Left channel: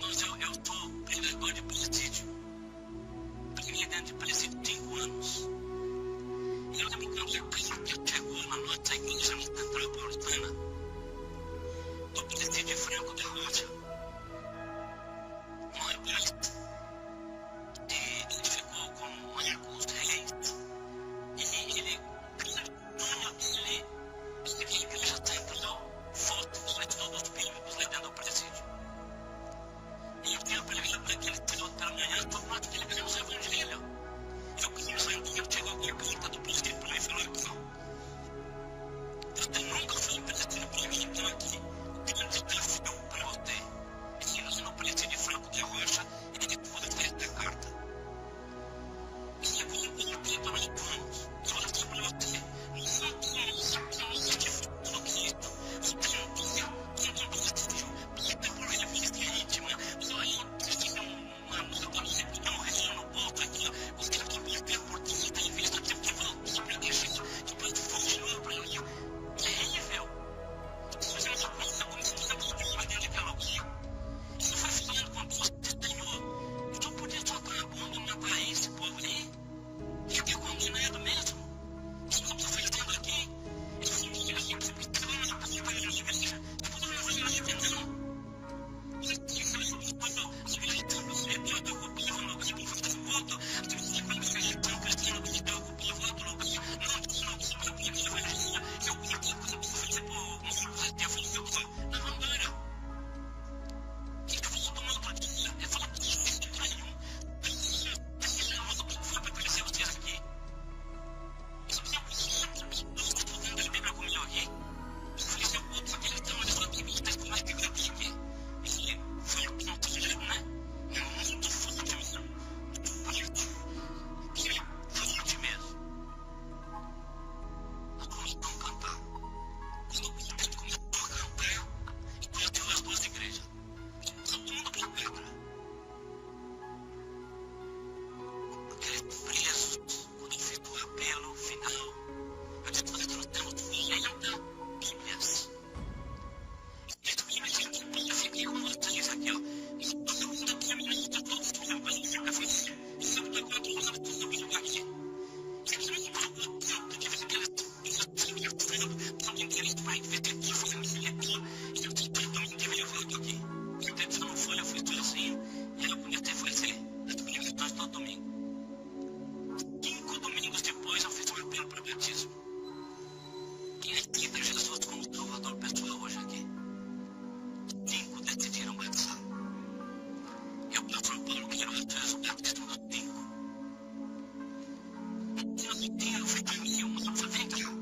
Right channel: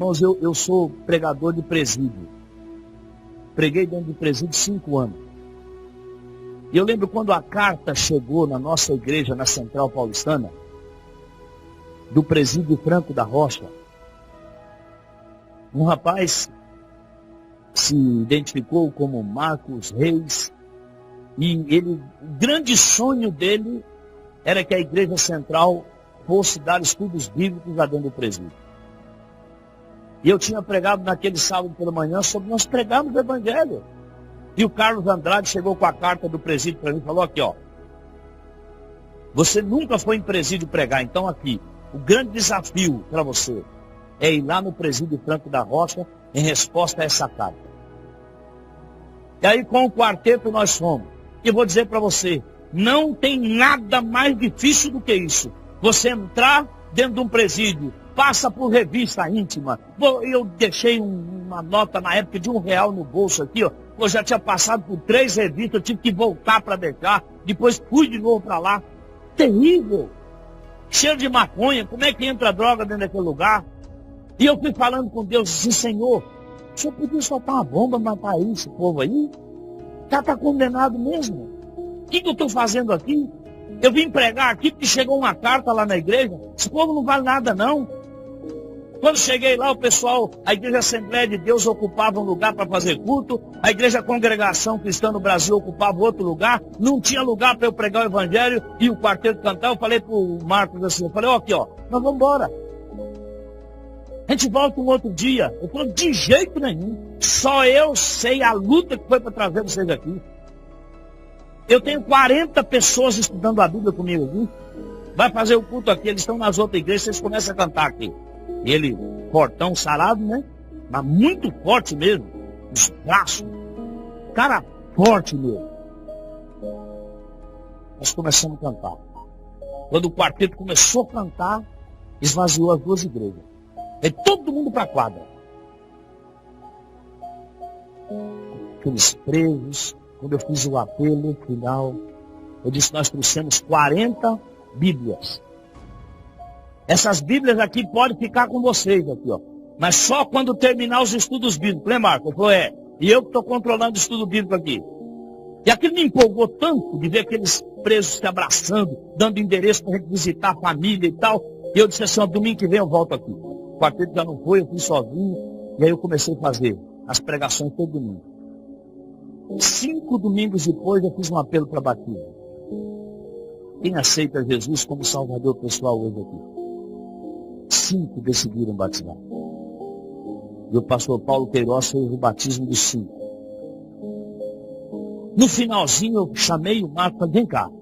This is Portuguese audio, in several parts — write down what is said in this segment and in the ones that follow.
Irmãos, eu sou pregador de presídio. Preguei dentro de presídio 5 anos. E eu lembro quando a carta chegou na nossa igreja, na Central Paulistana, do presídio Franco da Rocha. Um rapaz se identificou como Marcos Reis. E o grande sonho dele era que a igreja central fosse dar estudos bíblicos lá dentro do presídio. E eu tinha pregado naquele sábado pela manhã sobre nós pregarmos o evangelho. E o Carlos Andrade chegou com a carta do presídio para mim e falou aqui, ó. Você nunca foi em presídio pregar, então aqui, o grande desafio para você é ir lá no presídio Franco da Rocha em resposta a essa carta. E aí com o quarteto nós fomos. E vou dizer para você, não tem nada mais difícil do que isso. Você entrar dentro de um presídio, passa por revista íntima. Eu deixei uma nota na época de R$1 no bolso aqui, ó. Eu já tinha passado por 3 revistas, eu tive que voltar para deixar. Depois fui de novo para lá. Terrível. Cheiro de maconha, como é que entra droga dentro daquele lugar? E eu fui falando com Deus assim, Senhor, o Senhor podia soltar uma bomba, matar aí esse povo aí? Já está condenado mesmo. O que eu estou fazendo aqui? Eu vim pregar aqui porque chegou uma carta lá na igreja. Esse povo não vale nada não. Quando cheguei lá, o pessoal, a igreja Assembleia de Deus ocupava um lugar para fazer culto. A igreja Congregação Cristã no Brasil ocupava outro lugar. Não tinha lugar para eu pregar o evangelho e o quarteto cantar. Eu falei para o Marcos assim, eu falei, ó, aqui ó, nós vamos embora. A gente volta um outro dia. Ele falou, de jeito nenhum. Só eu sei a luta que foi para trazer vocês aqui. Eu tenho 40 pessoas estudando a Bíblia comigo aqui. Vai fazer o culto aqui, eles estão nas outras igrejas, vocês começam a cantar aqui. E ele, fortão, sarado, né? Mas muito forte mesmo. Os braços. Cara forte mesmo. Nós começamos a cantar. Quando o quarteto começou a cantar, esvaziou as 2 igrejas. E todo mundo para a quadra. Aqueles presos. Quando eu fiz o apelo final, eu disse, nós trouxemos 40 Bíblias. Essas Bíblias aqui podem ficar com vocês aqui, ó. Mas só quando terminar os estudos bíblicos. Lembra, Marco? Ele falou, e eu que estou controlando o estudo bíblico aqui. E aquilo me empolgou tanto de ver aqueles presos se abraçando, dando endereço para a gente visitar a família e tal. E eu disse assim, ó, domingo que vem eu volto aqui. O quarteto já não foi, eu fui sozinho. E aí eu comecei a fazer as pregações todo domingo. 5 domingos depois eu fiz um apelo para batismo. Quem aceita Jesus como Salvador pessoal hoje aqui? 5 decidiram batizar. E o pastor Paulo Queiroz fez o batismo dos 5. No finalzinho eu chamei o Marco e falei, vem cá.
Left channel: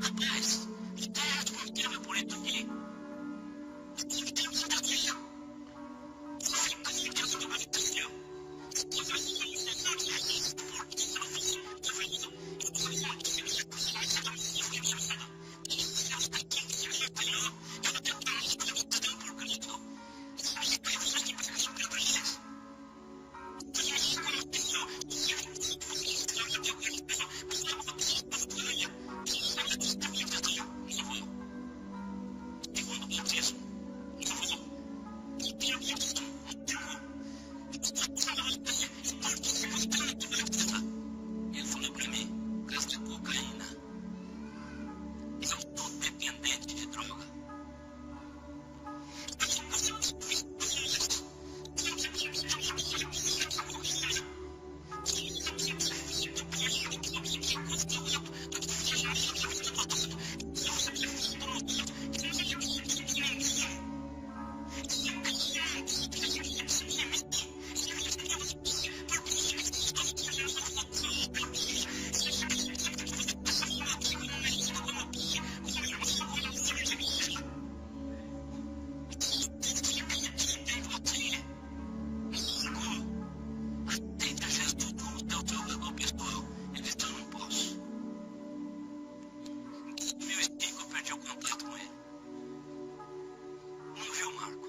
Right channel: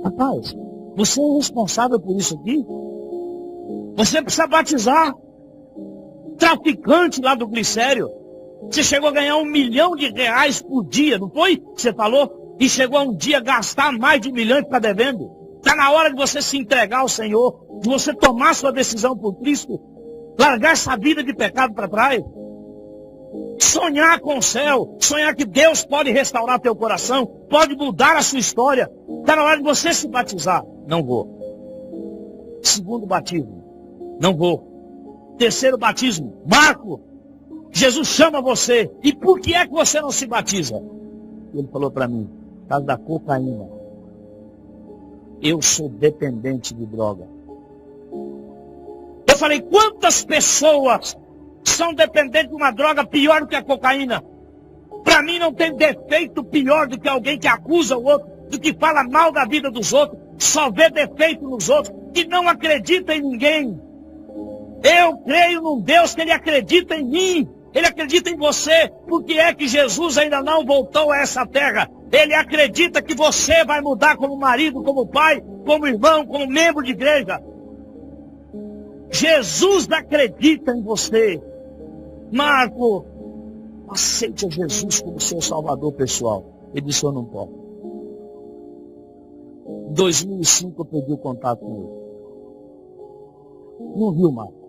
Rapaz, você é responsável por isso aqui? Você precisa batizar. Traficante lá do glicério. Você chegou a ganhar R$1 milhão por dia, não foi? Você falou? E chegou a um dia gastar mais de R$1 milhão e ficar devendo. Está na hora de você se entregar ao Senhor. De você tomar sua decisão por Cristo. Largar essa vida de pecado para trás. Sonhar com o céu. Sonhar que Deus pode restaurar teu coração. Pode mudar a sua história. Está na hora de você se batizar. Não vou. 2º batismo. Não vou. 3º batismo. Marco. Jesus chama você. E por que é que você não se batiza? E ele falou para mim, por causa da cocaína. Eu sou dependente de droga. Eu falei, quantas pessoas são dependentes de uma droga pior do que a cocaína? Para mim não tem defeito pior do que alguém que acusa o outro, do que fala mal da vida dos outros, que só vê defeito nos outros, que não acredita em ninguém. Eu creio num Deus que Ele acredita em mim. Ele acredita em você, porque é que Jesus ainda não voltou a essa terra. Ele acredita que você vai mudar como marido, como pai, como irmão, como membro de igreja. Jesus acredita em você. Marco, aceite a Jesus como seu salvador pessoal. Ele disse, eu não posso. Em 2005 eu perdi o contato com ele. Não viu, Marco?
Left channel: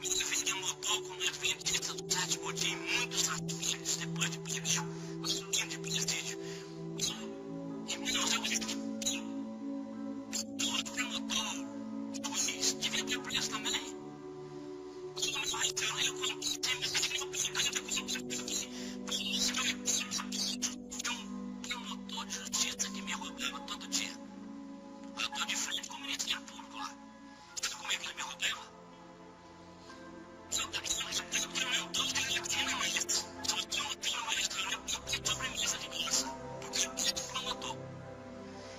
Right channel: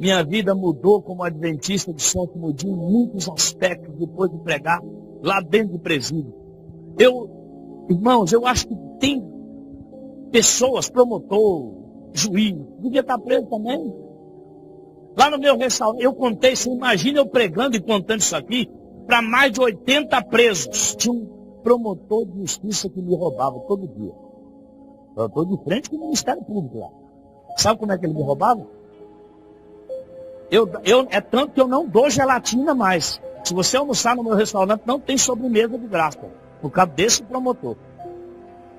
Minha vida mudou como adventista do 7º dia em muitos aspectos depois de pregar lá dentro de presídio. Irmãos, eu acho que tem pessoas, promotor, juiz, devia estar preso também. Lá no meu restaurante, eu contei, você imagina eu pregando e contando isso aqui, para mais de 80 presos. Tinha um promotor de justiça que me roubava todo dia. Eu estou de frente com o Ministério Público lá. Sabe como é que ele me roubava? É tanto que eu não dou gelatina mais. Se você almoçar no meu restaurante, não tem sobremesa de graça. Por causa desse promotor.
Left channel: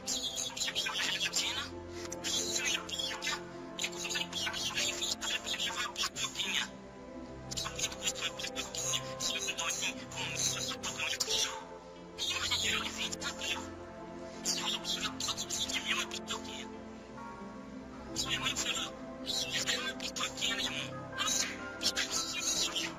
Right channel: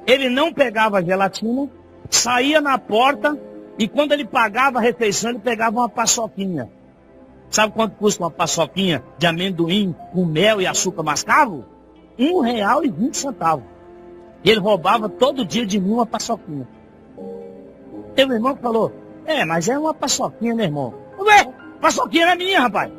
Ele não pegava a gelatina, saía na porta e quando ele pagava a refeição, ele pegava uma paçoquinha. Sabe quanto custa uma paçoquinha de amendoim com mel e açúcar mascavo? R$1,20. E ele roubava todo dia de mim uma paçoquinha. Tem um irmão que falou, mas é uma paçoquinha, né, irmão? Ué, paçoquinha era minha, rapaz.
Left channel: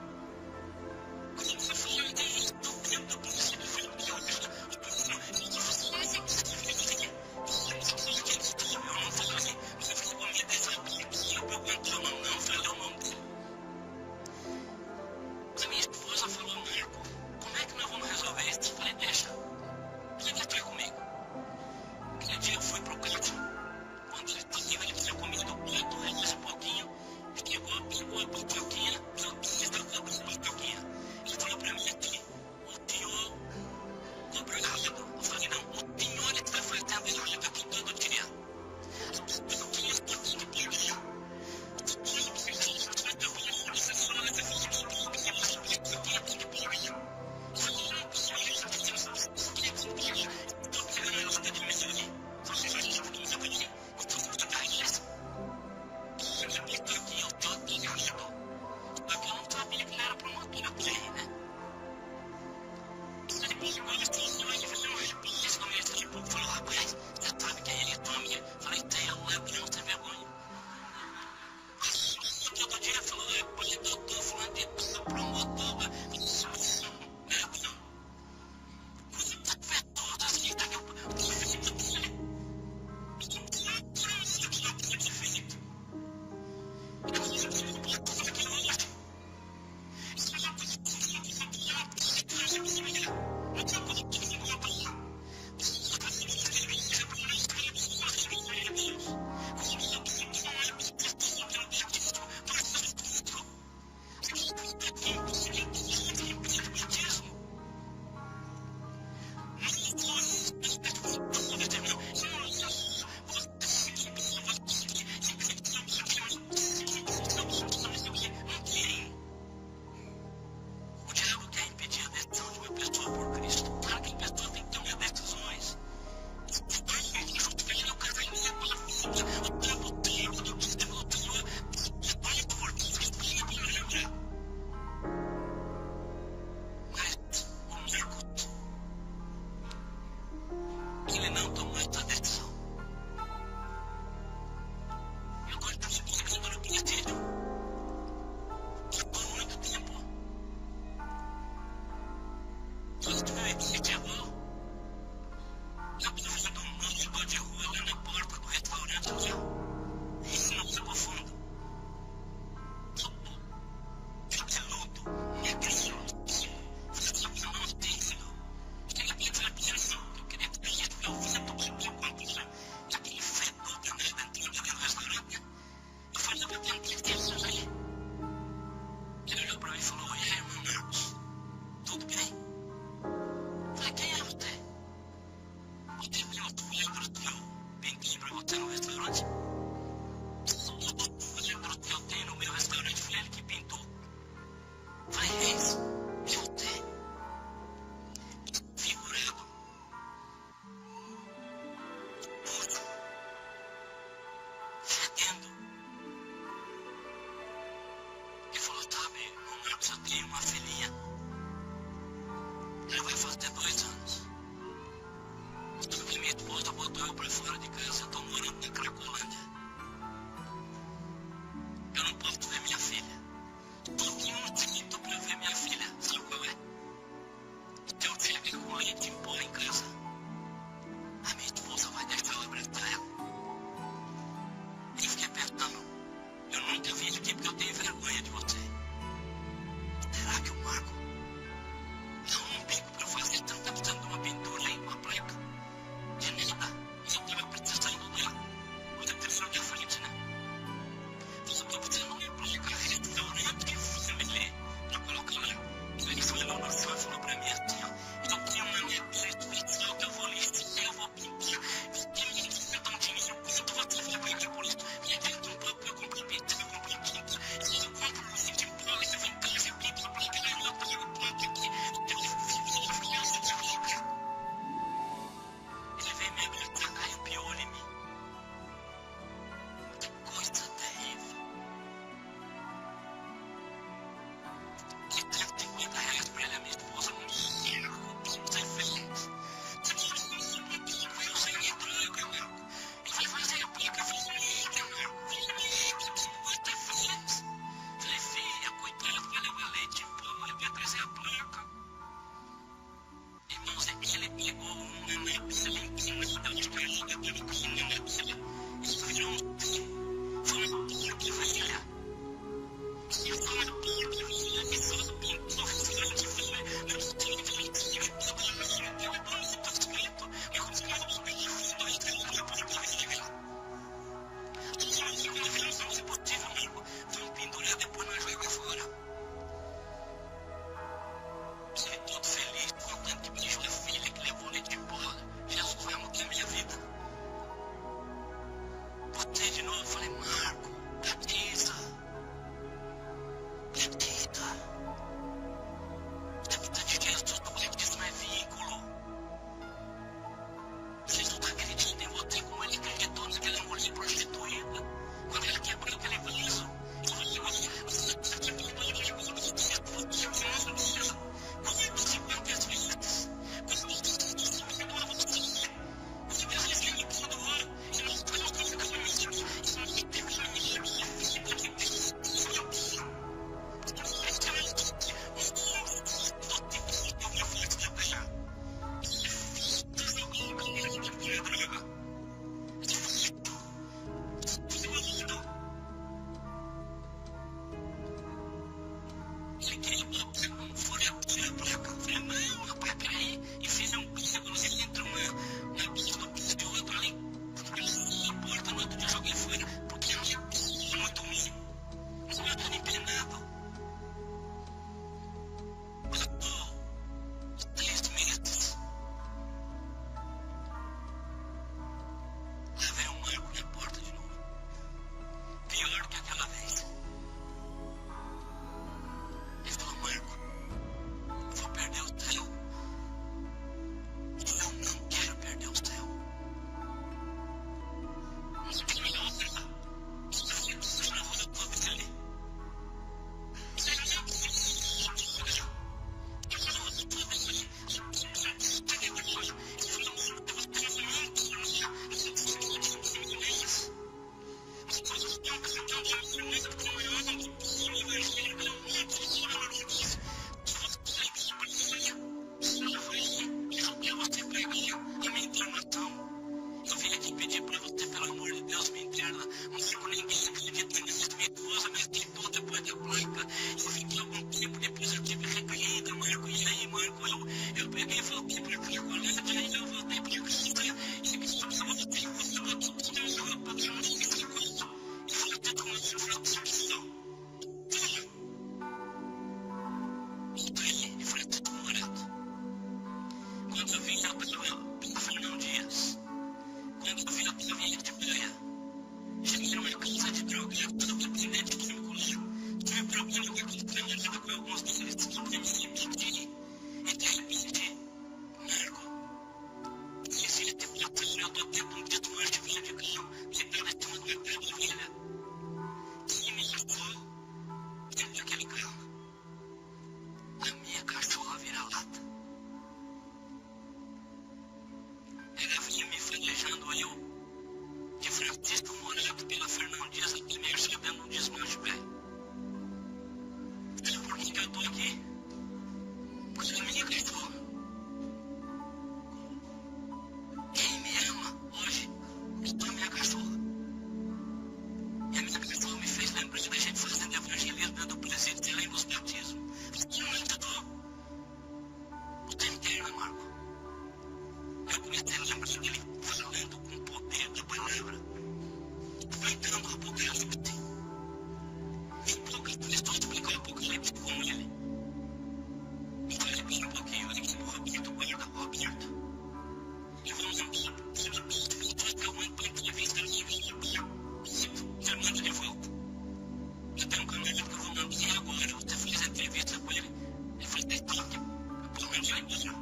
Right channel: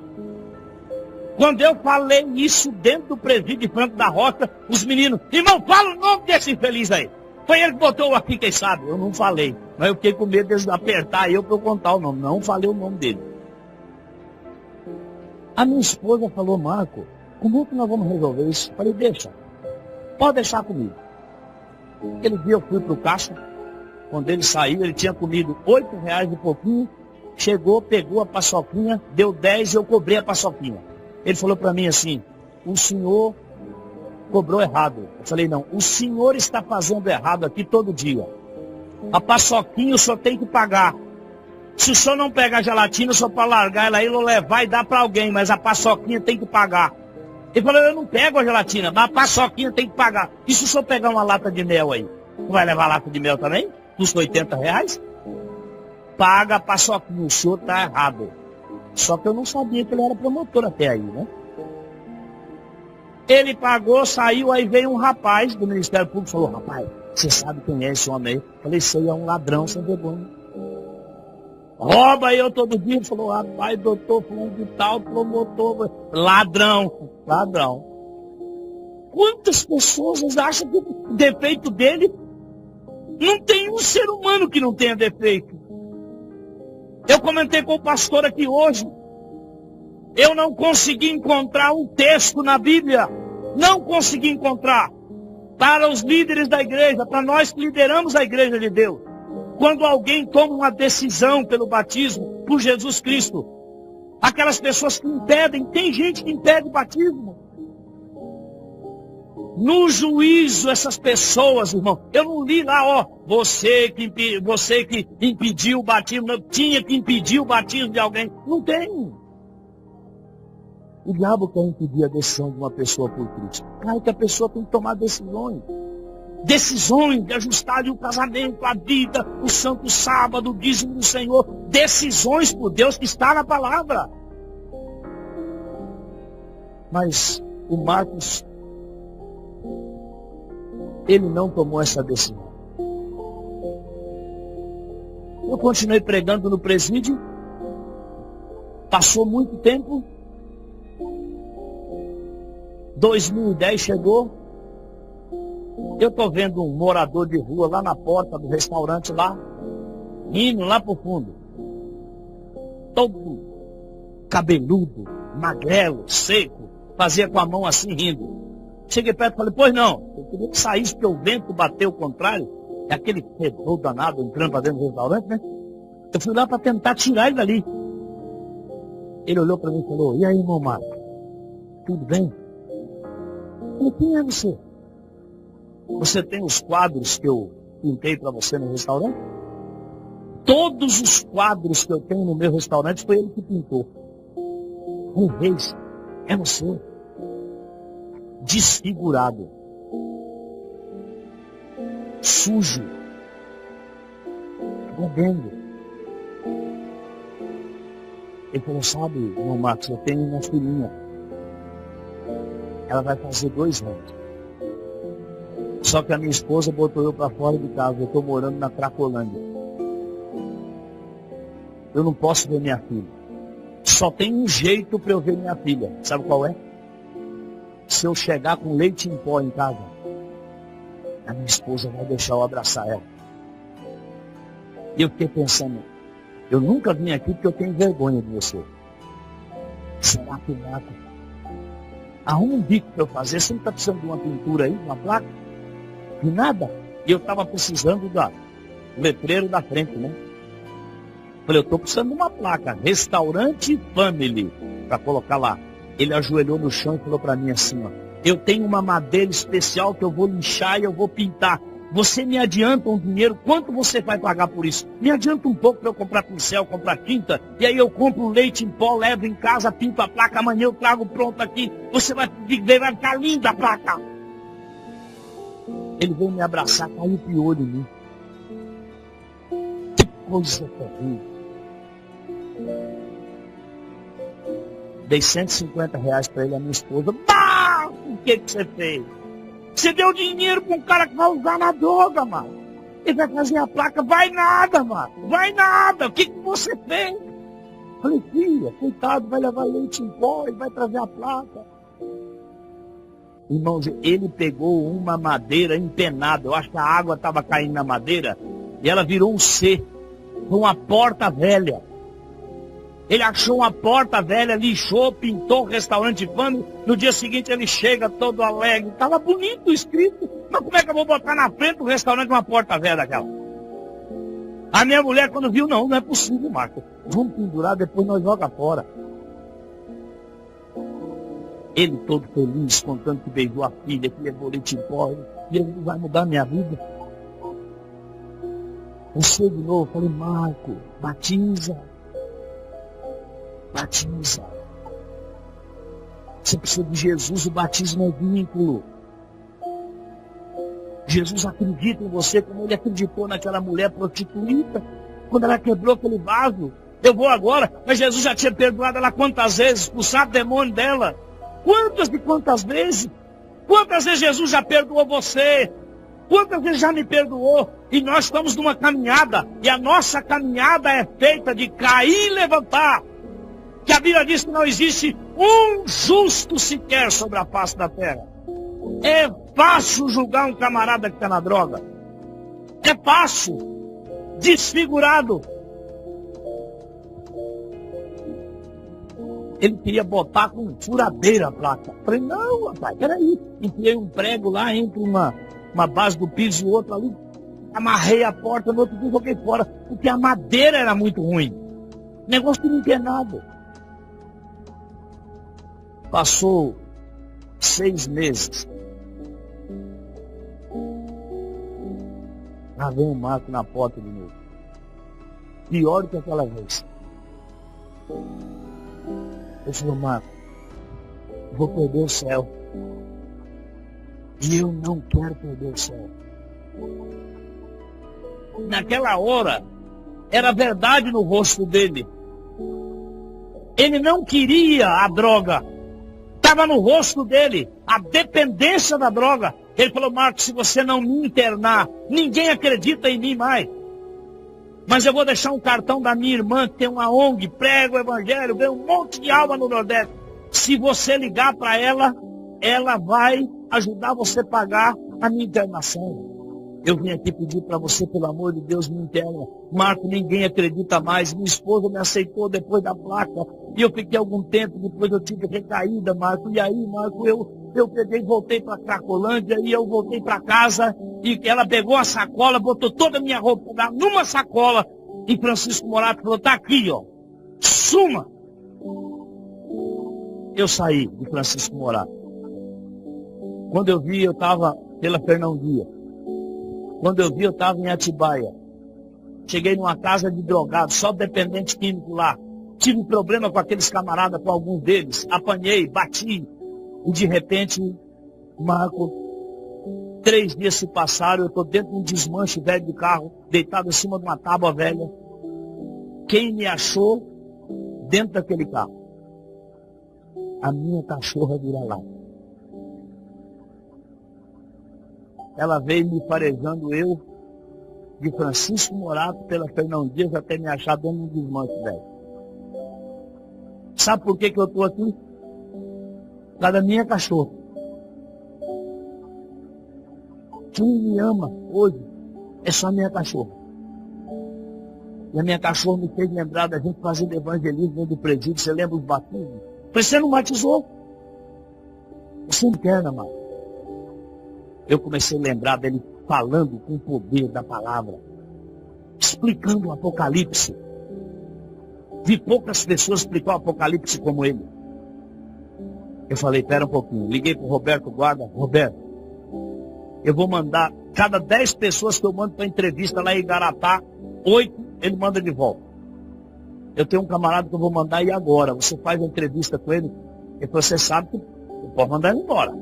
Quando eu falei isso dentro do presídio de Franco da Rocha, os meninos, irmão, fala o nome desse infeliz aí. Foi ele que botou aqui, quem sabe? Eu não falei, mas eu fiquei com medo deles apertar eu para eu contar o nome. Não falei o nome dele. A minha esposa falou, Marco, como é que nós vamos resolver isso? Falei, pode deixar comigo. Aquele dia eu fui para o caixa, quando ele saiu, ele tinha comido R$8 e pouquinho, chegou, pegou a paçoquinha, deu 10 e eu cobrei a paçoquinha. Ele falou para mim assim, o senhor cobrou errado. Eu falei, não, o senhor está fazendo errado aqui todo dia. A paçoquinha o senhor tem que pagar. Se o senhor não pegar a gelatina, o senhor pode largar ela aí, levar e dar para alguém, mas a paçoquinha tem que pagar. Ele falou, eu não pego a gelatina, mas a paçoquinha tem que pagar. E se o senhor pegar uma lata de mel aí? Você vai levar a lata de mel também? Custa R$80? Paga a paçoquinha, o senhor está errado. Só que eu não sabia que ele era promotor até aí, né? Ele pagou, saiu, aí veio um rapaz do Ministério Público e falou, rapaz, você sabe quem é esse homem aí? Eu falei, sei, é um ladrão sem vergonha. Rouba eu todo dia. Ele falou, rapaz, doutor fulano de tal, promotor, ladrão. Quantas pessoas acham que o defeito dele, não tem um ser humano que não tenha defeito. Eu comentei com o pastor aqui hoje. Eu não consegui encontrar um texto na Bíblia. Não consegui encontrar. Para os líderes da igreja, para nós que lideramos a igreja de Deus. Quando alguém toma uma decisão pelo batismo, por Jesus Cristo. Aquelas pessoas que impedem, tem gente que impede batismo. No juízo, essas pessoas, irmão, eu não li lá, você que impediu o batismo, não, tinha que impedir o batismo de alguém. Não tem. O diabo quer impedir a decisão de uma pessoa por Cristo. Claro que a pessoa tem que tomar decisões. Decisões de ajustar ali o casamento, a vida, o santo sábado, o dízimo do Senhor. Decisões por Deus que está na palavra. Mas o Marcos, ele não tomou essa decisão. Eu continuei pregando no presídio. Passou muito tempo. 2010 chegou. Eu estou vendo um morador de rua lá na porta do restaurante lá, rindo lá pro fundo. Todo cabeludo, magrelo, seco, fazia com a mão assim rindo. Cheguei perto e falei, pois não, eu queria que saísse porque o vento bateu o contrário. É aquele fedor danado entrando para dentro do restaurante, né? Eu fui lá para tentar tirar ele dali. Ele olhou para mim e falou, e aí, irmão Marcos, tudo bem? Eu falei, quem é você? Você tem os quadros que eu pintei para você no restaurante? Todos os quadros que eu tenho no meu restaurante foi ele que pintou. Eu falei, Reis, é você? Desfigurado, sujo, fedendo. Ele falou, sabe, irmão Marcos, eu tenho uma filhinha. Ela vai fazer 2 anos. Só que a minha esposa botou eu para fora de casa. Eu estou morando na Cracolândia. Eu não posso ver minha filha. Só tem um jeito para eu ver minha filha. Sabe qual é? Se eu chegar com leite em pó em casa, a minha esposa vai deixar eu abraçar ela. E eu fiquei pensando, eu nunca vim aqui porque eu tenho vergonha de você. Será que o Marco arruma um bico para eu fazer? Você não está precisando de uma pintura aí, uma placa? De nada. E eu estava precisando do letreiro da frente, né? Falei, eu estou precisando de uma placa, Restaurante Family, para colocar lá. Ele ajoelhou no chão e falou para mim assim, ó, eu tenho uma madeira especial que eu vou lixar e eu vou pintar. Você me adianta um dinheiro? Quanto você vai pagar por isso? Me adianta um pouco para eu comprar pincel, comprar tinta. E aí eu compro leite em pó, levo em casa, pinto a placa. Amanhã eu trago pronto aqui. Você vai ver, vai ficar linda a placa. Ele veio me abraçar, caiu piolho em mim. Que coisa terrível. Dei R$150 para ele e a minha esposa. Marco, o que você fez? Você deu dinheiro para um cara que vai usar na droga, Marco. Ele vai fazer a placa. Vai nada, Marco. Vai nada. O que você fez? Falei, filha, coitado, vai levar leite em pó. Ele vai trazer a placa. Irmãos, ele pegou uma madeira empenada. Eu acho que a água estava caindo na madeira. E ela virou um C. Foi uma porta velha. Ele achou uma porta velha, lixou, pintou Restaurante Family. No dia seguinte ele chega todo alegre. Estava bonito escrito. Mas como é que eu vou botar na frente do restaurante uma porta velha daquela? A minha mulher quando viu, não é possível, Marco. Vamos pendurar, depois nós joga fora. Ele todo feliz, contando que beijou a filha, que levou leite em pó. Jesus vai mudar minha vida. Você de novo, falei, Marco, batiza. Batiza. Você precisa de Jesus, o batismo é vínculo. Jesus acredita em você como ele acreditou naquela mulher prostituída. Quando ela quebrou aquele vaso. Eu vou agora, mas Jesus já tinha perdoado ela quantas vezes, expulsado o demônio dela. Quantas e quantas vezes? Quantas vezes Jesus já perdoou você? Quantas vezes já me perdoou? E nós estamos numa caminhada. E a nossa caminhada é feita de cair e levantar. Que a Bíblia diz que não existe um justo sequer sobre a face da terra. É fácil julgar um camarada que está na droga. É fácil. Desfigurado. Ele queria botar com furadeira a placa. Falei, não, rapaz, peraí. Enfiei um prego lá entre uma base do piso e outra ali. Amarrei a porta, no outro dia joguei fora. Porque a madeira era muito ruim. Negócio tudo empenado. Passou 6 meses. Lá vem o Marco na porta de novo. Pior do que aquela vez. Ele falou, Marco, eu vou perder o céu. E eu não quero perder o céu. Naquela hora, era verdade no rosto dele. Ele não queria a droga. Estava no rosto dele, a dependência da droga. Ele falou, Marco, se você não me internar, ninguém acredita em mim mais. Mas eu vou deixar um cartão da minha irmã, que tem uma ONG, prega o evangelho, ganha um monte de alma no Nordeste. Se você ligar para ela, ela vai ajudar você a pagar a minha internação. Eu vim aqui pedir para você, pelo amor de Deus, me interna. Marco, ninguém acredita mais. Minha esposa me aceitou depois da placa. E eu fiquei algum tempo, depois eu tive recaída, Marco. E aí, Marco, eu peguei e voltei para Cracolândia. E eu voltei para casa. E ela pegou a sacola, botou toda a minha roupa numa sacola. E Francisco Morato falou, tá aqui, ó. Suma. Eu saí de Francisco Morato. Quando eu vi, eu estava pela Fernão Dias. Quando eu vi, eu estava em Atibaia. Cheguei numa casa de drogados, só dependente químico lá. Tive problema com aqueles camaradas, com alguns deles. Apanhei, bati. E de repente, Marco, 3 dias se passaram, eu estou dentro de um desmanche velho de carro, deitado em cima de uma tábua velha. Quem me achou dentro daquele carro? A minha cachorra vira-lata. Ela veio me farejando eu, de Francisco Morato, pela Fernão Dias, até me achar dentro de um desmanche velho. Sabe por que eu estou aqui? Por causa da minha cachorra. Quem me ama hoje é só a minha cachorra. E a minha cachorra me fez lembrar da gente fazendo evangelismo dentro do presídio. Você lembra os batismos? Falei, você não batizou? Você me interna, Marco. Eu comecei a lembrar dele falando com o poder da palavra, explicando o Apocalipse. Vi poucas pessoas explicar o Apocalipse como ele. Eu falei, pera um pouquinho. Liguei para o Roberto Guarda. Roberto, eu vou mandar, cada 10 pessoas que eu mando para entrevista lá em Igaratá, 8 ele manda de volta. Eu tenho um camarada que eu vou mandar ir agora. Você faz a entrevista com ele. Ele falou, você sabe que eu posso mandar ele embora.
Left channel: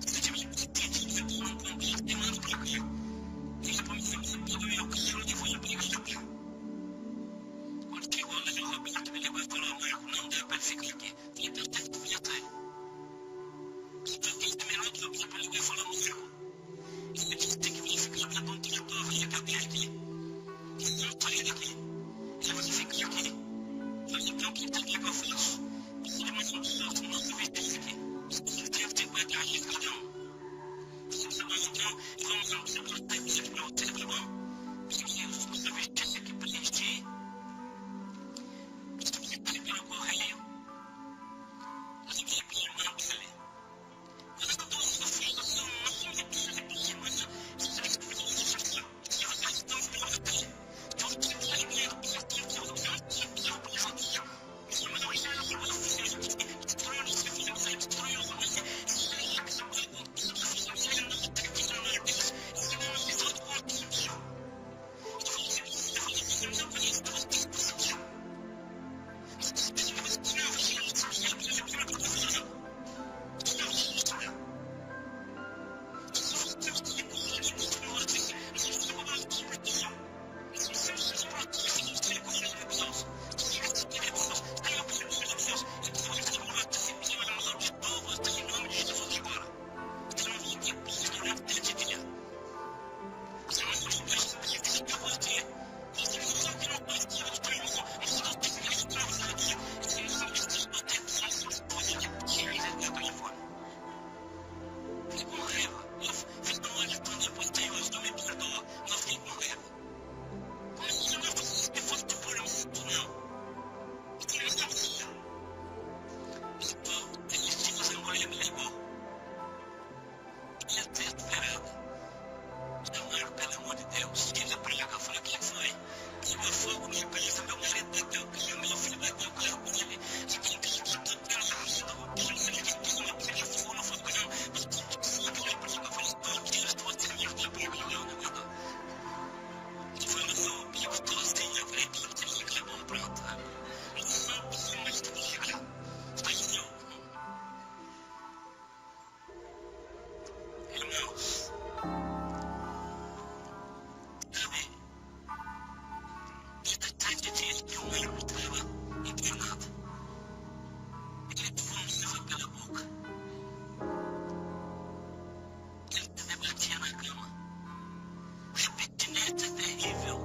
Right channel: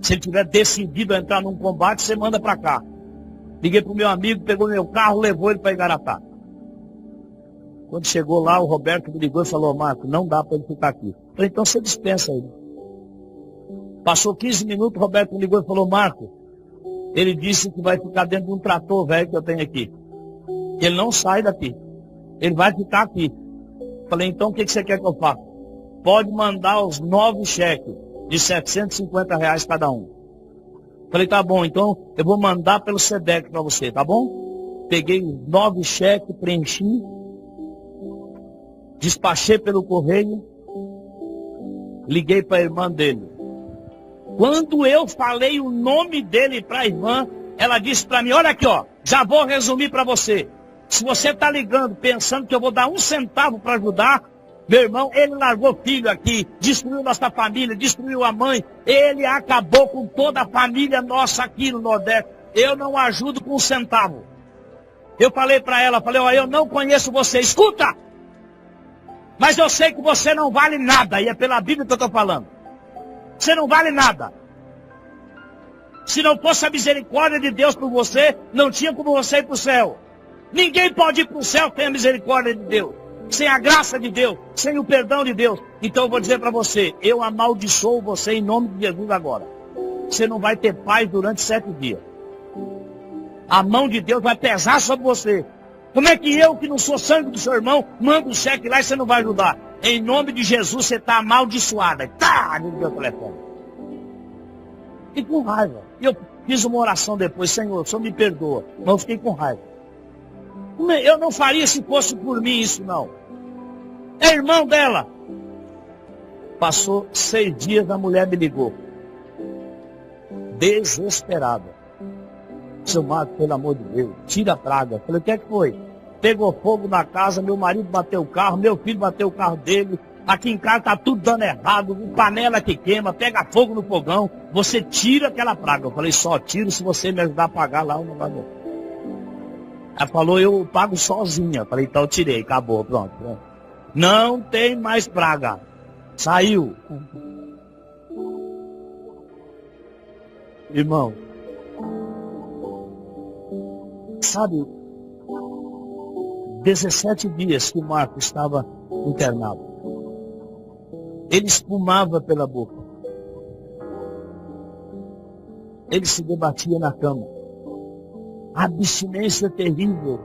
Se ele tiver decidido a entrar num combate, você manda para cá. Liguei para o meu amigo, pegou meu carro, levou ele para Igaratá. Quando chegou lá, o Roberto me ligou e falou, Marco, não dá para ele ficar aqui. Falei, então você dispensa ele. Passou 15 minutos, o Roberto me ligou e falou, Marco, ele disse que vai ficar dentro de um trator velho que eu tenho aqui. Que ele não sai daqui. Ele vai ficar aqui. Falei, então o que você quer que eu faça? Pode mandar os 9 cheques de R$750 cada um. Falei, tá bom, então eu vou mandar pelo Sedex para você, tá bom? Peguei os 9 cheques, preenchi, despachei pelo correio, liguei para a irmã dele. Quando eu falei o nome dele para a irmã, ela disse para mim, olha aqui, ó, já vou resumir para você. Se você está ligando pensando que eu vou dar 1 centavo para ajudar, meu irmão, ele largou filho aqui, destruiu nossa família, destruiu a mãe, ele acabou com toda a família nossa aqui no Nordeste. Eu não ajudo com 1 centavo. Eu falei para ela, falei, ó, eu não conheço você, escuta! Mas eu sei que você não vale nada, e é pela Bíblia que eu estou falando. Você não vale nada. Se não fosse a misericórdia de Deus por você, não tinha como você ir para o céu. Ninguém pode ir para o céu sem a misericórdia de Deus, sem a graça de Deus, sem o perdão de Deus. Então eu vou dizer para você, eu amaldiçoo você em nome de Jesus agora. Você não vai ter paz durante 7 dias. A mão de Deus vai pesar sobre você. Como é que eu, que não sou sangue do seu irmão, mando um cheque lá e você não vai ajudar? Em nome de Jesus você está amaldiçoada. Tá, a gente deu o telefone. Fiquei com raiva. E eu fiz uma oração depois, Senhor, só me perdoa. Mas eu fiquei com raiva. Eu não faria se fosse por mim isso não. É irmão dela. Passou 6 dias, a mulher me ligou. Desesperada. Seu Marco, pelo amor de Deus, tira a praga. Eu falei, o que é que foi? Pegou fogo na casa, meu marido bateu o carro, meu filho bateu o carro dele. Aqui em casa está tudo dando errado, panela que queima, pega fogo no fogão. Você tira aquela praga. Eu falei, só tiro se você me ajudar a pagar lá o negócio. Ela falou, eu pago sozinha. Eu falei, então eu tirei, acabou, pronto. Não tem mais praga. Saiu. Irmãos, sabe, 17 dias que o Marco estava internado. Ele espumava pela boca. Ele se debatia na cama. A abstinência terrível.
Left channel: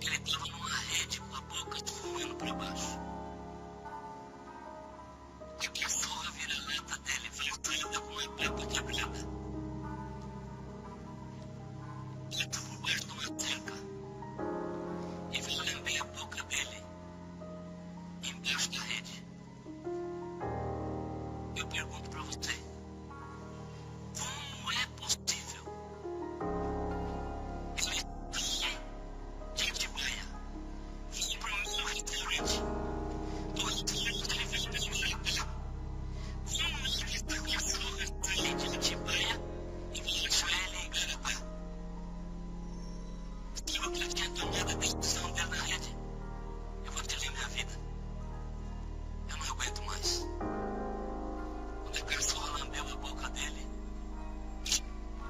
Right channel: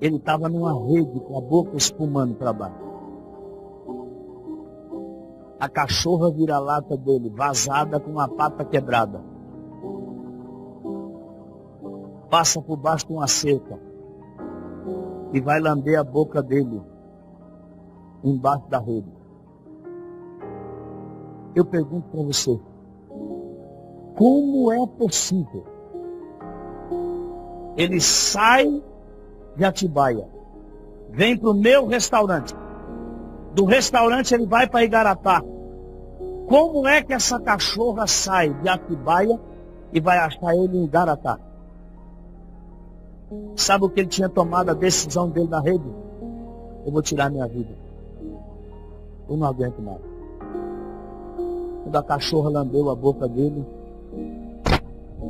Ele estava numa rede com a boca espumando para baixo. A cachorra vira-lata dele, vazada com uma pata quebrada. Passa por baixo de uma cerca e vai lamber a boca dele embaixo da rede. Eu pergunto para você, como é possível? Ele sai de Atibaia, vem para o meu restaurante, do restaurante ele vai para Igaratá. Como é que essa cachorra sai de Atibaia e vai achar ele em Igaratá? Sabe o que ele tinha tomado a decisão dele na rede? Eu vou tirar minha vida. Eu não aguento mais. Quando a cachorra lambeu a boca dele,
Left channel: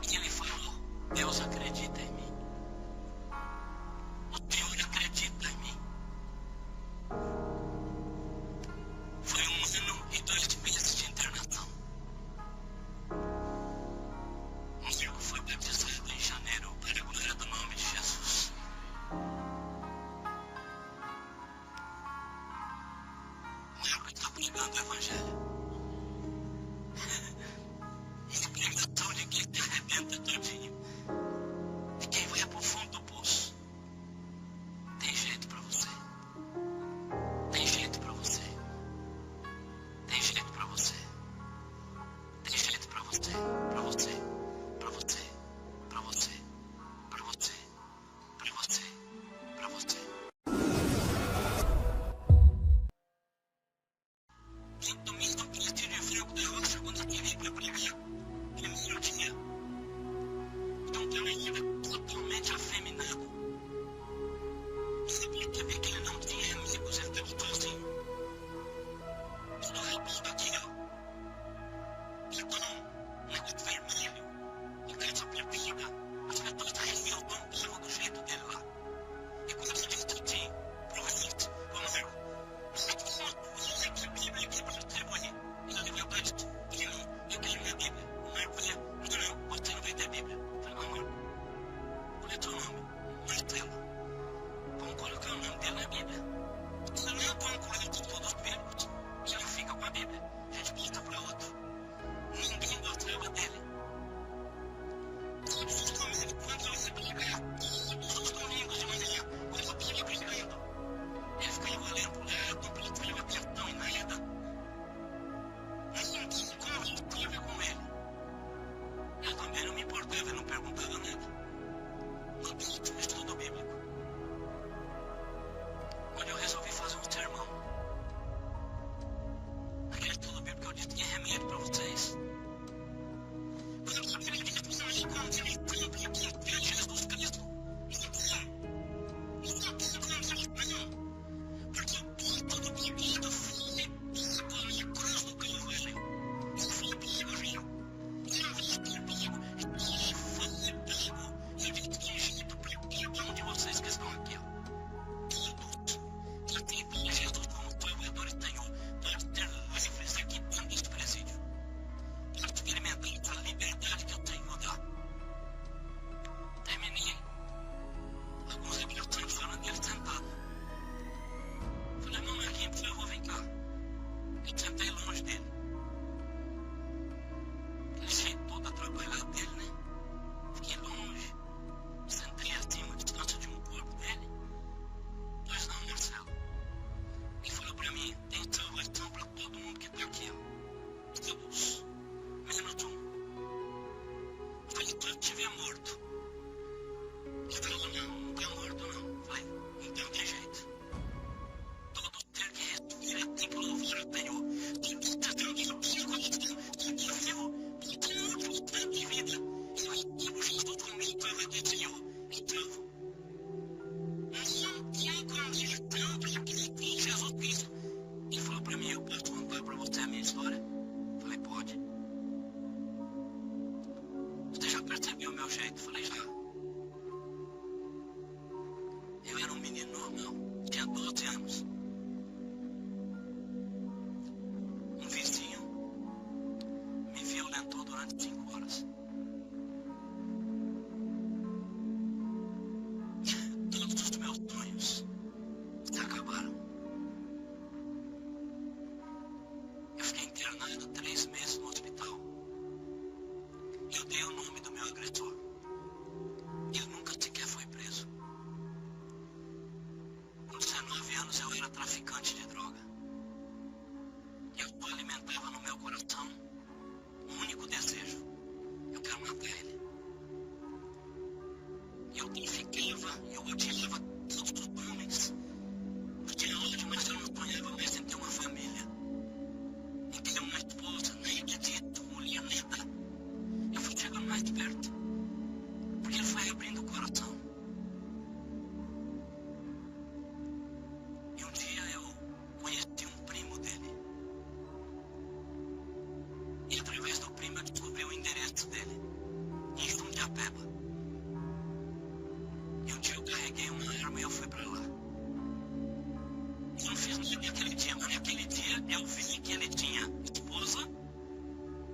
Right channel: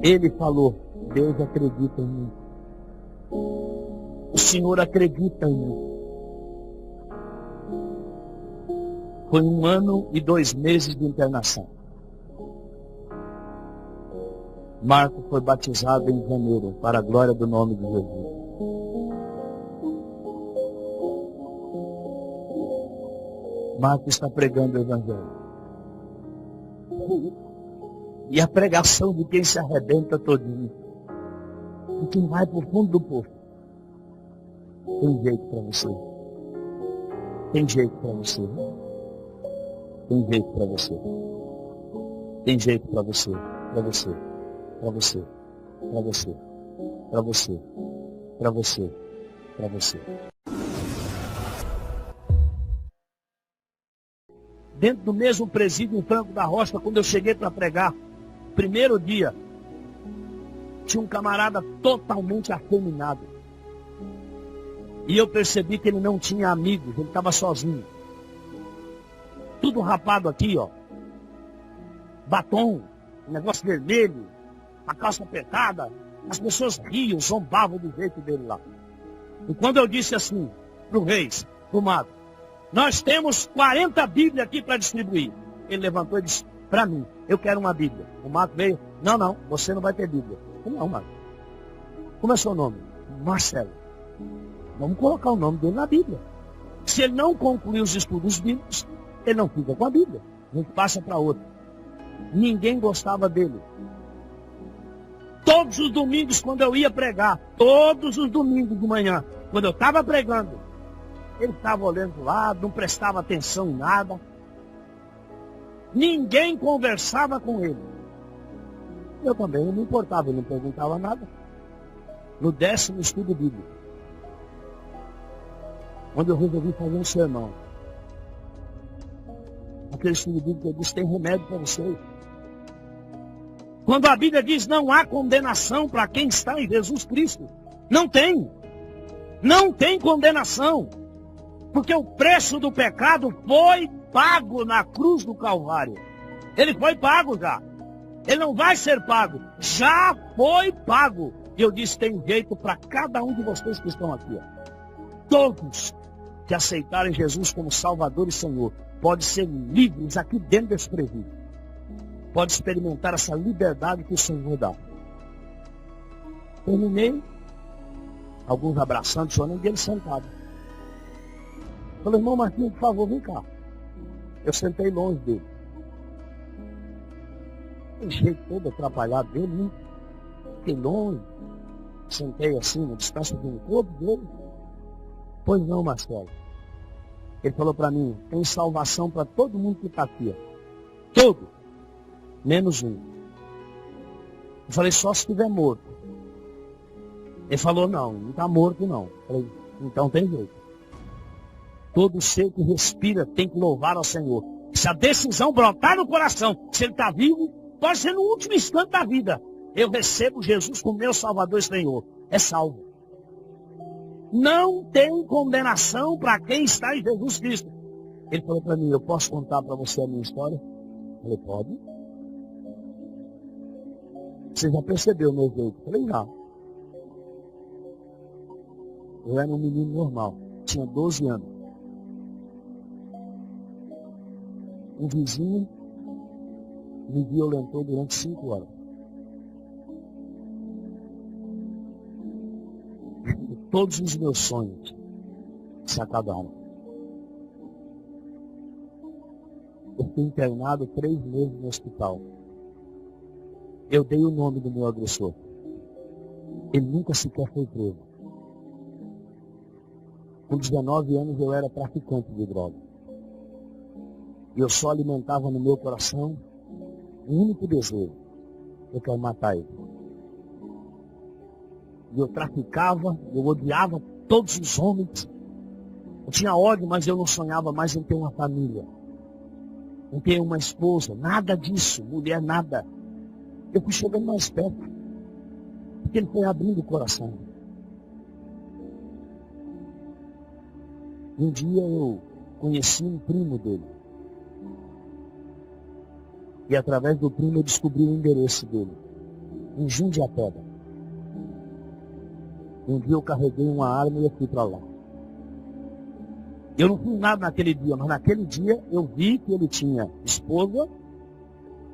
ele falou, Deus acredita em mim. O Senhor acredita em mim. Foi 1 ano e 2 meses de internação. Marco foi batizado em janeiro, para a glória do nome de Jesus. Marco está pregando o Evangelho. E a pregação de quem se arrebenta todinho, de quem vai para o fundo do poço. Tem jeito para você. Tem jeito para você. Tem jeito para você. Tem jeito para você. Para você. Para você. Para você. Para você. Para você. para você. Dentro do mesmo presídio em Franco da Rocha, quando eu cheguei para pregar, primeiro dia, tinha um camarada totalmente afeminado. E eu percebi que ele não tinha amigos, ele estava sozinho. Tudo rapado aqui, ó. Batom, um negócio vermelho, a calça apertada. As pessoas riam, zombavam do jeito dele lá. E quando eu disse assim, para o Reis, para o Marco, nós temos 40 Bíblias aqui para distribuir. Ele levantou e disse, para mim, eu quero uma Bíblia. O Marco veio, não, você não vai ter Bíblia. Eu falei, não, Marco. Como é seu nome? Marcelo. Vamos colocar o nome dele na Bíblia. Se ele não concluir os estudos bíblicos, ele não fica com a Bíblia. A gente passa para outro. Ninguém gostava dele. Todos os domingos, quando eu ia pregar, todos os domingos de manhã, quando eu estava pregando, ele ficava olhando para o lado, não prestava atenção em nada. Ninguém conversava com ele. Eu também não me importava, ele não perguntava nada. No 10º estudo bíblico, onde eu resolvi fazer um sermão. Naquele estudo bíblico eu disse, tem remédio para vocês. Quando a Bíblia diz, não há condenação para quem está em Jesus Cristo. Não tem. Não tem condenação. Porque o preço do pecado foi pago na cruz do Calvário. Ele foi pago já. Ele não vai ser pago. Já foi pago. E eu disse, tem jeito para cada um de vocês que estão aqui, ó. Todos que aceitarem Jesus como Salvador e Senhor, podem ser livres aqui dentro desse presídio. Pode experimentar essa liberdade que o Senhor dá. Terminei. Alguns abraçando, chorando, e ele sentado. Falei, irmão Marquinhos, por favor, vem cá. Eu sentei longe dele. Aquele jeito todo atrapalhado dele, né? Fiquei longe. Sentei assim, uma distância de um corpo dele. Pois não, Marcelo. Ele falou para mim, tem salvação para todo mundo que está aqui, ó. Todos. Menos um. Eu falei, só se estiver morto. Ele falou, não está morto não. Eu falei, então tem jeito. Todo ser que respira tem que louvar ao Senhor. Se a decisão brotar no coração, se ele está vivo, pode ser no último instante da vida. Eu recebo Jesus como meu Salvador e Senhor. É salvo. Não tem condenação para quem está em Jesus Cristo. Ele falou para mim, eu posso contar para você a minha história? Eu falei, pode. Você já percebeu o meu jeito? Eu falei, já. Eu era um menino normal, tinha 12 anos. Um vizinho me violentou durante 5 horas. Todos os meus sonhos se acabaram. Eu fiquei internado 3 meses no hospital. Eu dei o nome do meu agressor. Ele nunca sequer foi preso. Com 19 anos eu era traficante de droga. E eu só alimentava no meu coração um único desejo. Eu quero matar ele. E eu traficava, eu odiava todos os homens. Eu tinha ódio, mas eu não sonhava mais em ter uma família. Em ter uma esposa, nada disso, mulher, nada. Eu fui chegando mais perto. Porque ele foi abrindo o coração. E um dia eu conheci um primo dele. E através do primo eu descobri o endereço dele. Em Jundiapeba. E um dia eu carreguei uma arma e eu fui para lá. Eu não fiz nada naquele dia, mas naquele dia eu vi que ele tinha esposa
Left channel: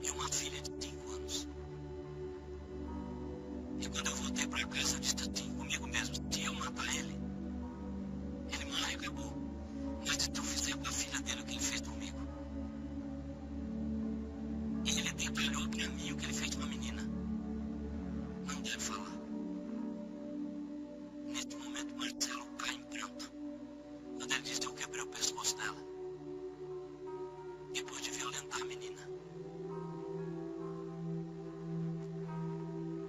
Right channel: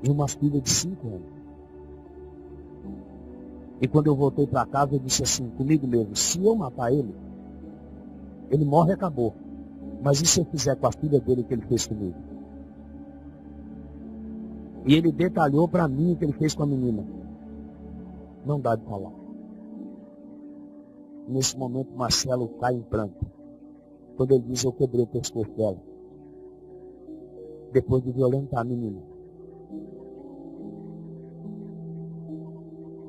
e uma filha de 5 anos. E quando eu voltei para casa eu disse assim, comigo mesmo, se eu matar ele, ele morre e acabou. Mas e se eu fizer com a filha dele o que ele fez comigo? E ele detalhou para mim o que ele fez com a menina. Não dá de falar. Nesse momento Marcelo cai em pranto. Quando ele diz, eu quebrei o pescoço dela. Depois de violentar a menina.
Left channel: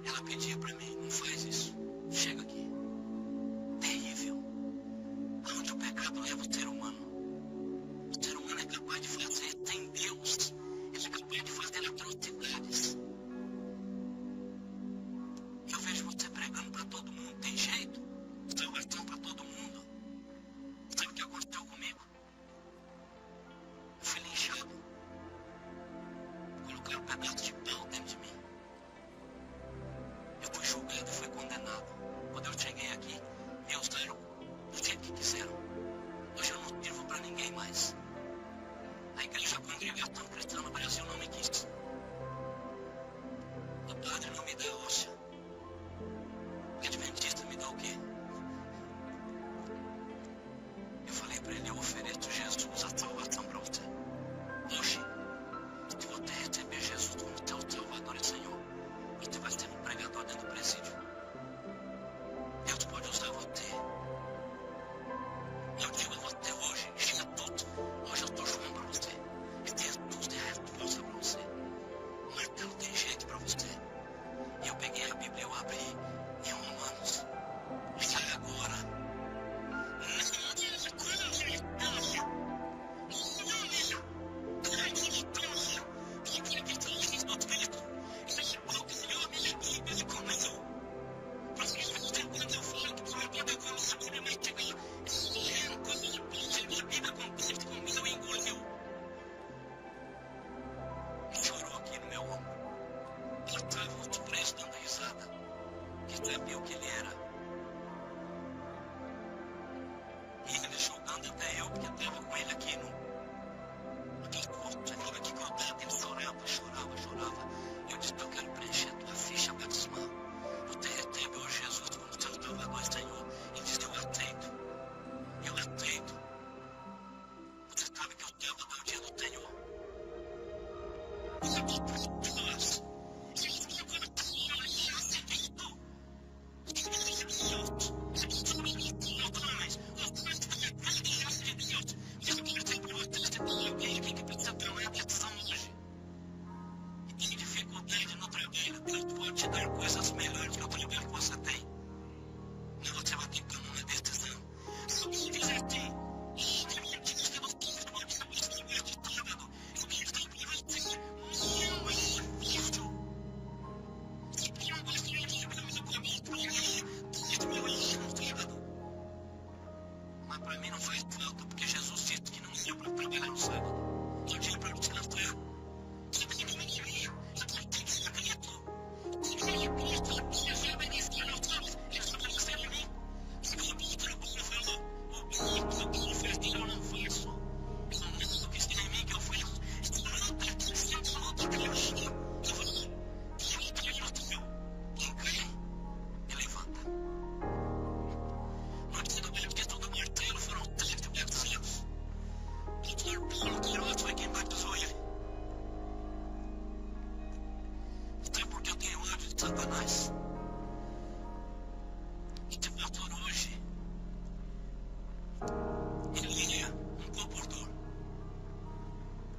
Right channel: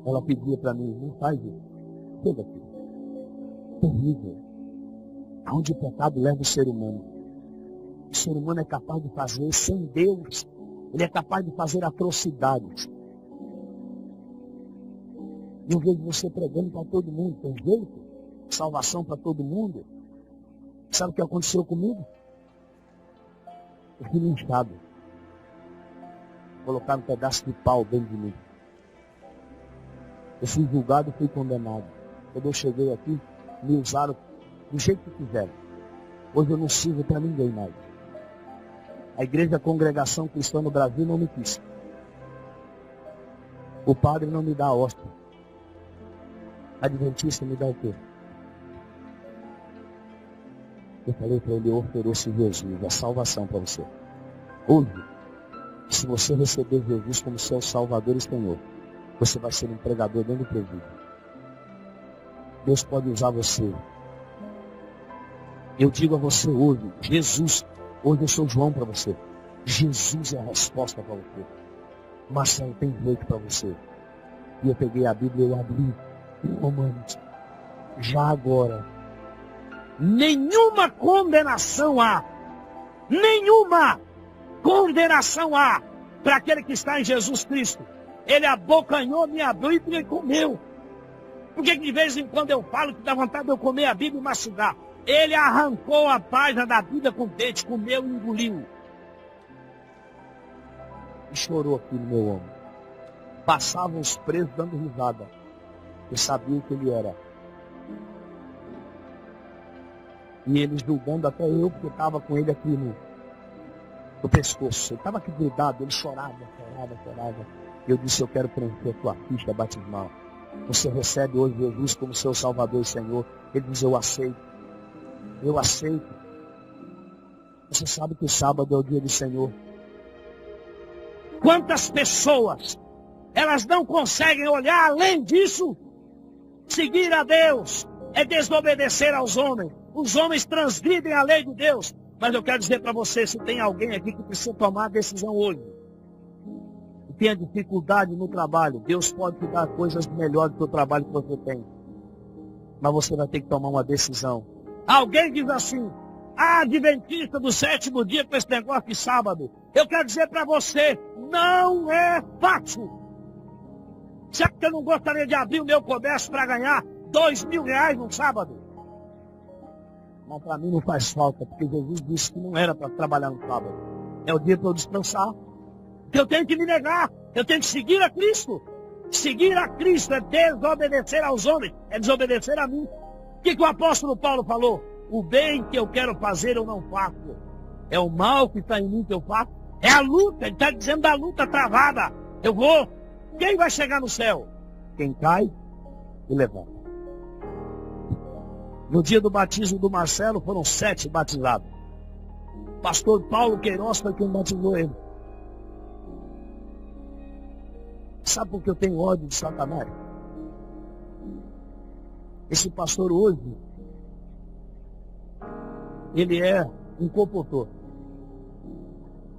Ela pedia para mim, não faz isso. Chega aqui. Terrível. aonde o pecado leva o ser humano. O ser humano é capaz de fazer, sem Deus, ele é capaz de fazer atrocidades. E eu vejo você pregando para todo mundo. Tem jeito? Salvação para todo mundo? Sabe o que aconteceu comigo? Eu fui linchado. Colocaram um pedaço de pau dentro de mim. Eu fui julgado e fui condenado. Quando eu cheguei aqui, me usaram do jeito que quiseram. Hoje eu não sirvo para ninguém mais. A Igreja Congregação Cristã no Brasil não me quis. O padre não me dá a hóstia. Adventista me dá o quê? Eu falei para ele, eu ofereço Jesus, a salvação para você. Hoje, se você receber Jesus como seu Salvador e Senhor, você vai ser um pregador dentro do presídio. Deus pode usar você. Eu digo a você hoje, Jesus, hoje eu sou João para você. Jesus é a resposta para você. Marcelo, tem jeito para você. E eu peguei a Bíblia e eu abri em Romanos. Já agora, nenhuma condenação há. Nenhuma condenação há para aquele que está em Jesus Cristo. Ele abocanhou minha Bíblia e comeu. Por que de vez em quando eu falo que dá vontade de eu comer a Bíblia e mastigar? Ele arrancou a página da Bíblia com o dente, comeu e engoliu. E chorou aqui no meu ombro. Passavam os presos dando risada, porque sabiam o que ele era. E ele julgando até eu, porque estava com ele aqui no pescoço. Ele estava aqui grudado, ele chorava. E eu disse, eu quero preencher tua ficha batismal. Você recebe hoje Jesus como seu Salvador e Senhor. Ele diz, eu aceito. Eu aceito. Você sabe que o sábado é o dia do Senhor. Quantas pessoas, elas não conseguem olhar além disso? Seguir a Deus é desobedecer aos homens. Os homens transgridem a lei de Deus. Mas eu quero dizer para você, se tem alguém aqui que precisa tomar a decisão hoje, e tenha dificuldade no trabalho, Deus pode te dar coisas melhores do que o trabalho que você tem. Mas você vai ter que tomar uma decisão. Alguém diz assim, adventista do sétimo dia com esse negócio de sábado. Eu quero dizer para você, não é fácil. Sabe que eu não gostaria de abrir o meu comércio para ganhar R$2.000 num sábado? Mas para mim não faz falta, porque Jesus disse que não era para trabalhar no sábado. É o dia para eu descansar. Então eu tenho que me negar, eu tenho que seguir a Cristo. Seguir a Cristo é desobedecer aos homens, é desobedecer a mim. O que o apóstolo Paulo falou? O bem que eu quero fazer eu não faço. É o mal que está em mim que eu faço. É a luta, ele está dizendo da luta travada. Eu vou. Quem vai chegar no céu? Quem cai e levanta. No dia do batismo do Marcelo foram 7 batizados. Pastor Paulo Queiroz foi quem batizou ele. Sabe por que eu tenho ódio de Satanás? Esse pastor hoje, ele é um comportor.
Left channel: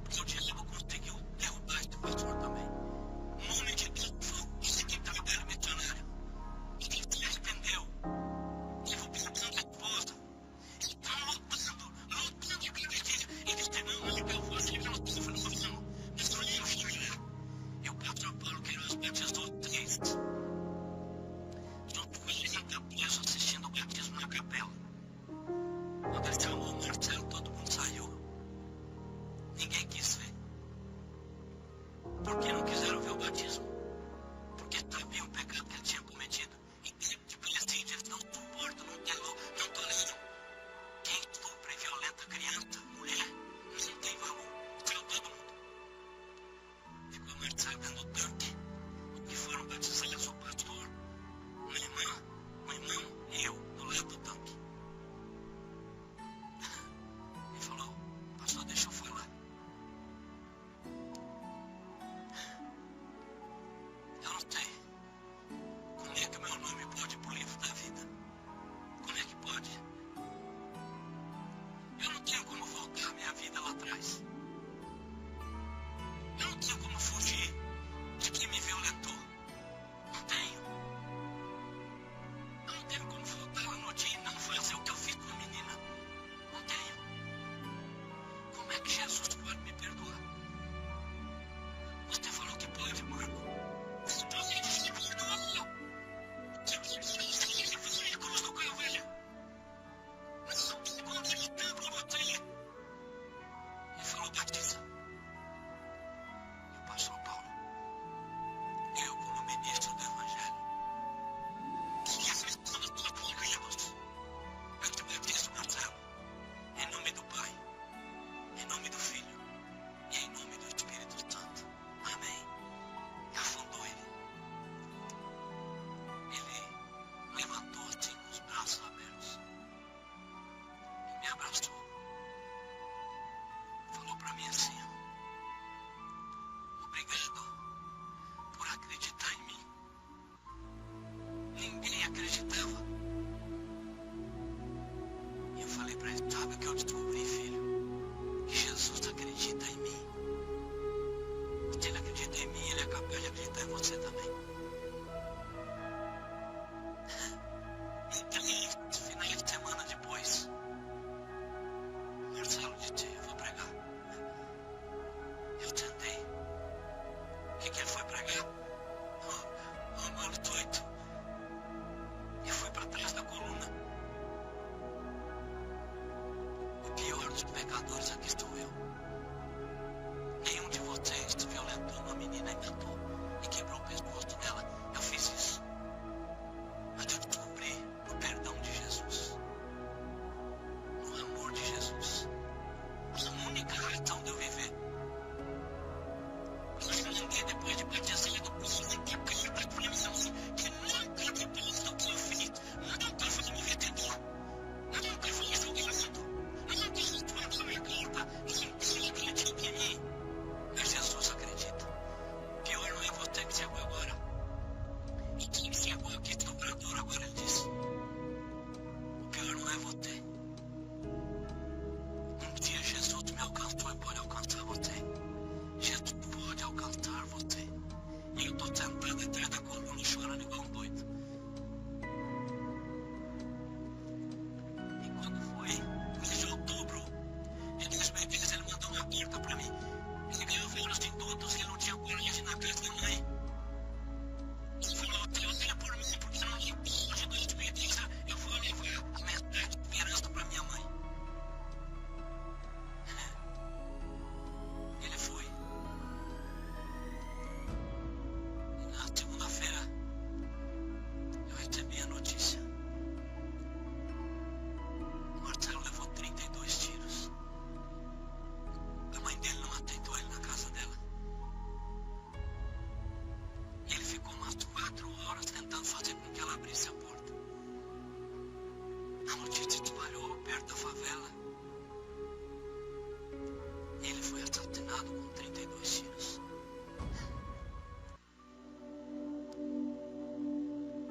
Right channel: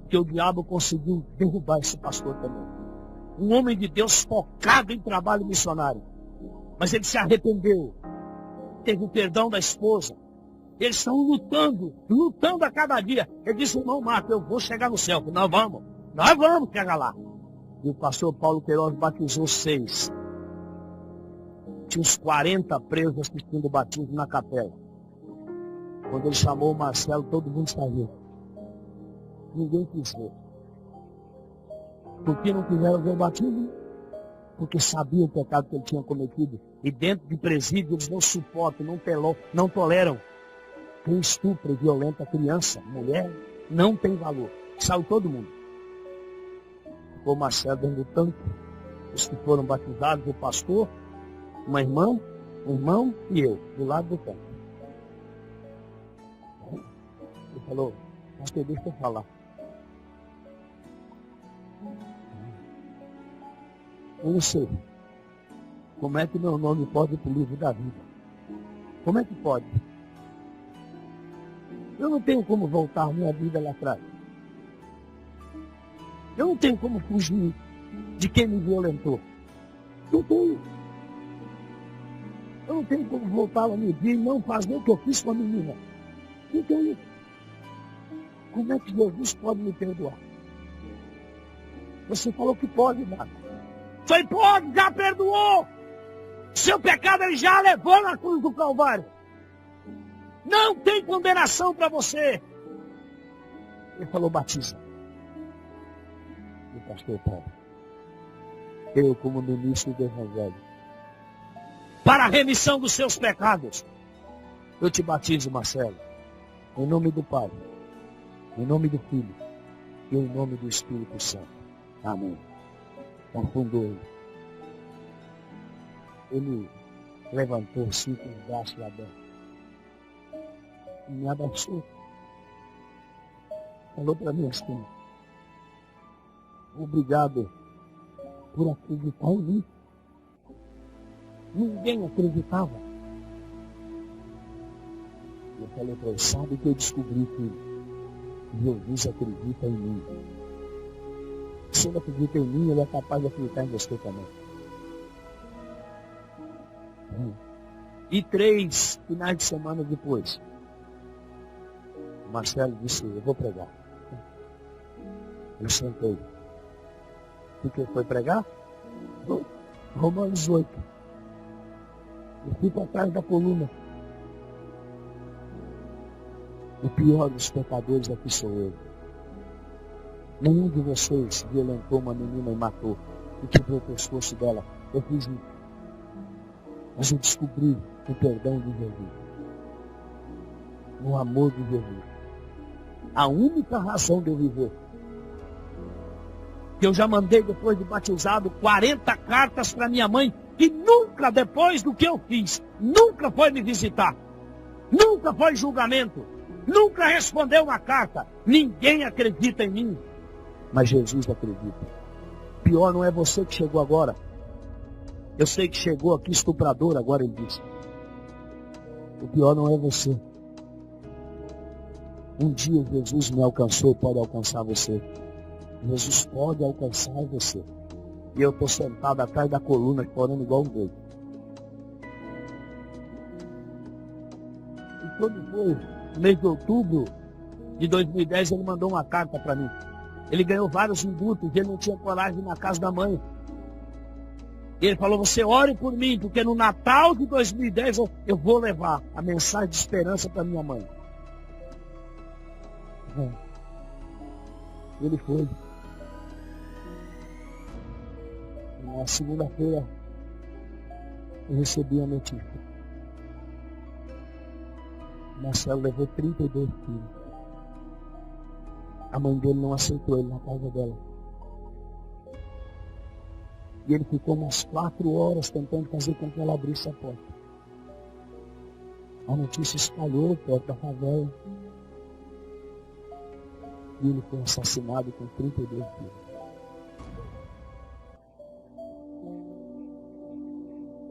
Porque o diabo conseguiu derrubar esse pastor também. Um homem de Deus focado em trabalho missionário. Mas ele se arrependeu. Teve o perdão da esposa. Eles estão lutando a cada dia. Ele disse, irmão Marco, eu vou chegar no céu. Eu falei, nós vamos chegar lá. E o pastor Paulo Queiroz batizou 6. Tinha uns 40 presos assistindo o batismo na capela. Quando ele chamou o Marcelo, todo mundo saiu. Ninguém quis ver. Por que não quiseram ver o batismo? Porque sabiam o pecado que ele tinha cometido. E dentro de presídio eles não suportam, não toleram. Quem estupra e violenta criança, mulher, não tem valor. Saiu todo mundo. Ficou o Marcelo dentro do tanque. Os que foram batizados, o pastor, uma irmã, um irmão e eu, do lado do tanque. Ele falou, pastor, deixa eu falar. Eu não sei como é que o meu nome pode ir para o livro da vida. Como é que pode? Eu não tenho como voltar minha vida lá atrás. Eu não tenho como fugir de quem me violentou. Não tenho. Eu não tenho como voltar lá no dia e não fazer o que eu fiz com a menina. Não tenho. Como é que Jesus pode me perdoar? Você falou que pode, Marco. Falei, pode, já perdoou. Seu pecado ele já levou na cruz do Calvário. Não tem condenação para você. Ele falou, batiza. E o pastor Paulo, eu como ministro do Evangelho, para a remissão dos seus pecados, eu te batizo, Marcelo, em nome do Pai, em nome do Filho e em nome do Espírito Santo. Amém. E afundou ele. Ele levantou assim com os braços abertos e me abraçou. Falou para mim assim, obrigado por acreditar em mim. Ninguém acreditava. E eu falei para ele, sabe o que eu descobri, filho? Que Jesus acredita em mim. Se ele acredita em mim, ele é capaz de acreditar em você também. E 3 finais de semana depois, Marcelo disse, eu vou pregar. Eu sentei. O que ele foi pregar? Romanos 8. E fui para trás da coluna. O pior dos pecadores aqui sou eu. Nenhum de vocês violentou uma menina e matou e quebrou o pescoço dela. Eu fiz isso. Mas eu descobri no perdão de Jesus, no amor de Jesus, a única razão de eu viver. Que eu já mandei, depois de batizado, 40 cartas para minha mãe, que nunca, depois do que eu fiz, nunca foi me visitar. Nunca foi julgamento. Nunca respondeu uma carta. Ninguém acredita em mim. Mas Jesus acredita. Pior não é você que chegou agora. Eu sei que chegou aqui estuprador, agora ele disse. O pior não é você. Um dia Jesus me alcançou e pode alcançar você. Jesus pode alcançar você. E eu estou sentado atrás da coluna chorando igual um doido. E quando foi no mês de outubro de 2010, ele mandou uma carta para mim. Ele ganhou vários indutos, ele não tinha coragem na casa da mãe. E ele falou, você ore por mim, porque no Natal de 2010 eu vou levar a mensagem de esperança para minha mãe. E ele foi. E na segunda-feira eu recebi a notícia. O Marcelo levou 32 tiros. A mãe dele não aceitou ele na casa dela. E ele ficou umas 4 horas tentando fazer com que ela abrisse a porta. A notícia espalhou perto da favela. E ele foi assassinado com 32 tiros.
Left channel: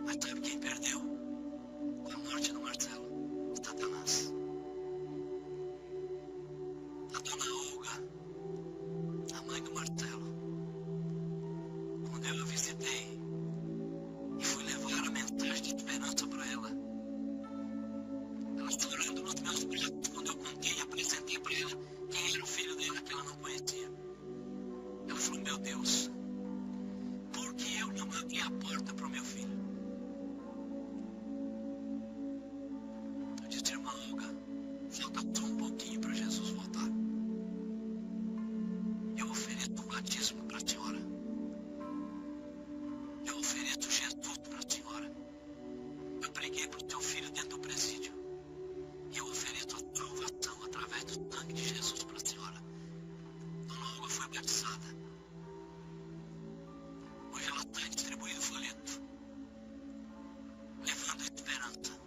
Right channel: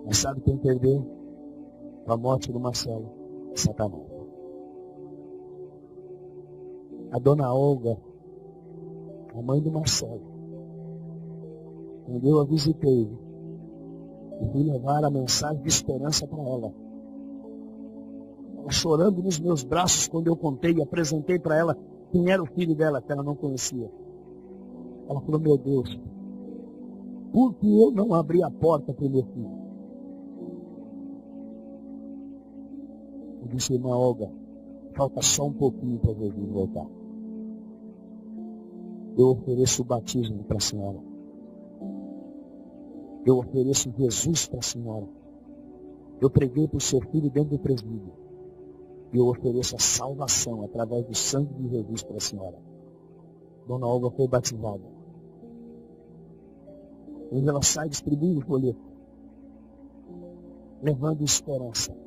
Mas sabe quem perdeu com a morte do Marcelo? Satanás. A dona Olga, a mãe do Marcelo, quando eu a visitei e fui levar a mensagem de esperança para ela, ela chorando nos meus braços quando eu contei e apresentei para ela quem era o filho dela, que ela não conhecia. Ela falou, meu Deus, por que eu não abri a porta para o meu filho? Eu disse, irmã Olga, falta só um pouquinho para Jesus voltar. Eu ofereço o batismo para a senhora. Eu ofereço Jesus para a senhora. Eu preguei para o seu filho dentro do presídio. E eu ofereço a salvação através do sangue de Jesus para a senhora. Dona Olga foi batizada. Hoje ela sai distribuindo folheto, levando esperança.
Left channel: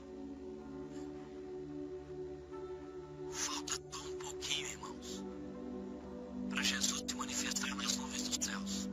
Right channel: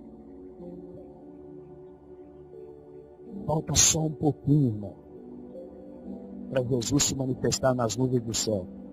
Falta só um pouquinho, irmãos, para Jesus se manifestar nas nuvens dos céus.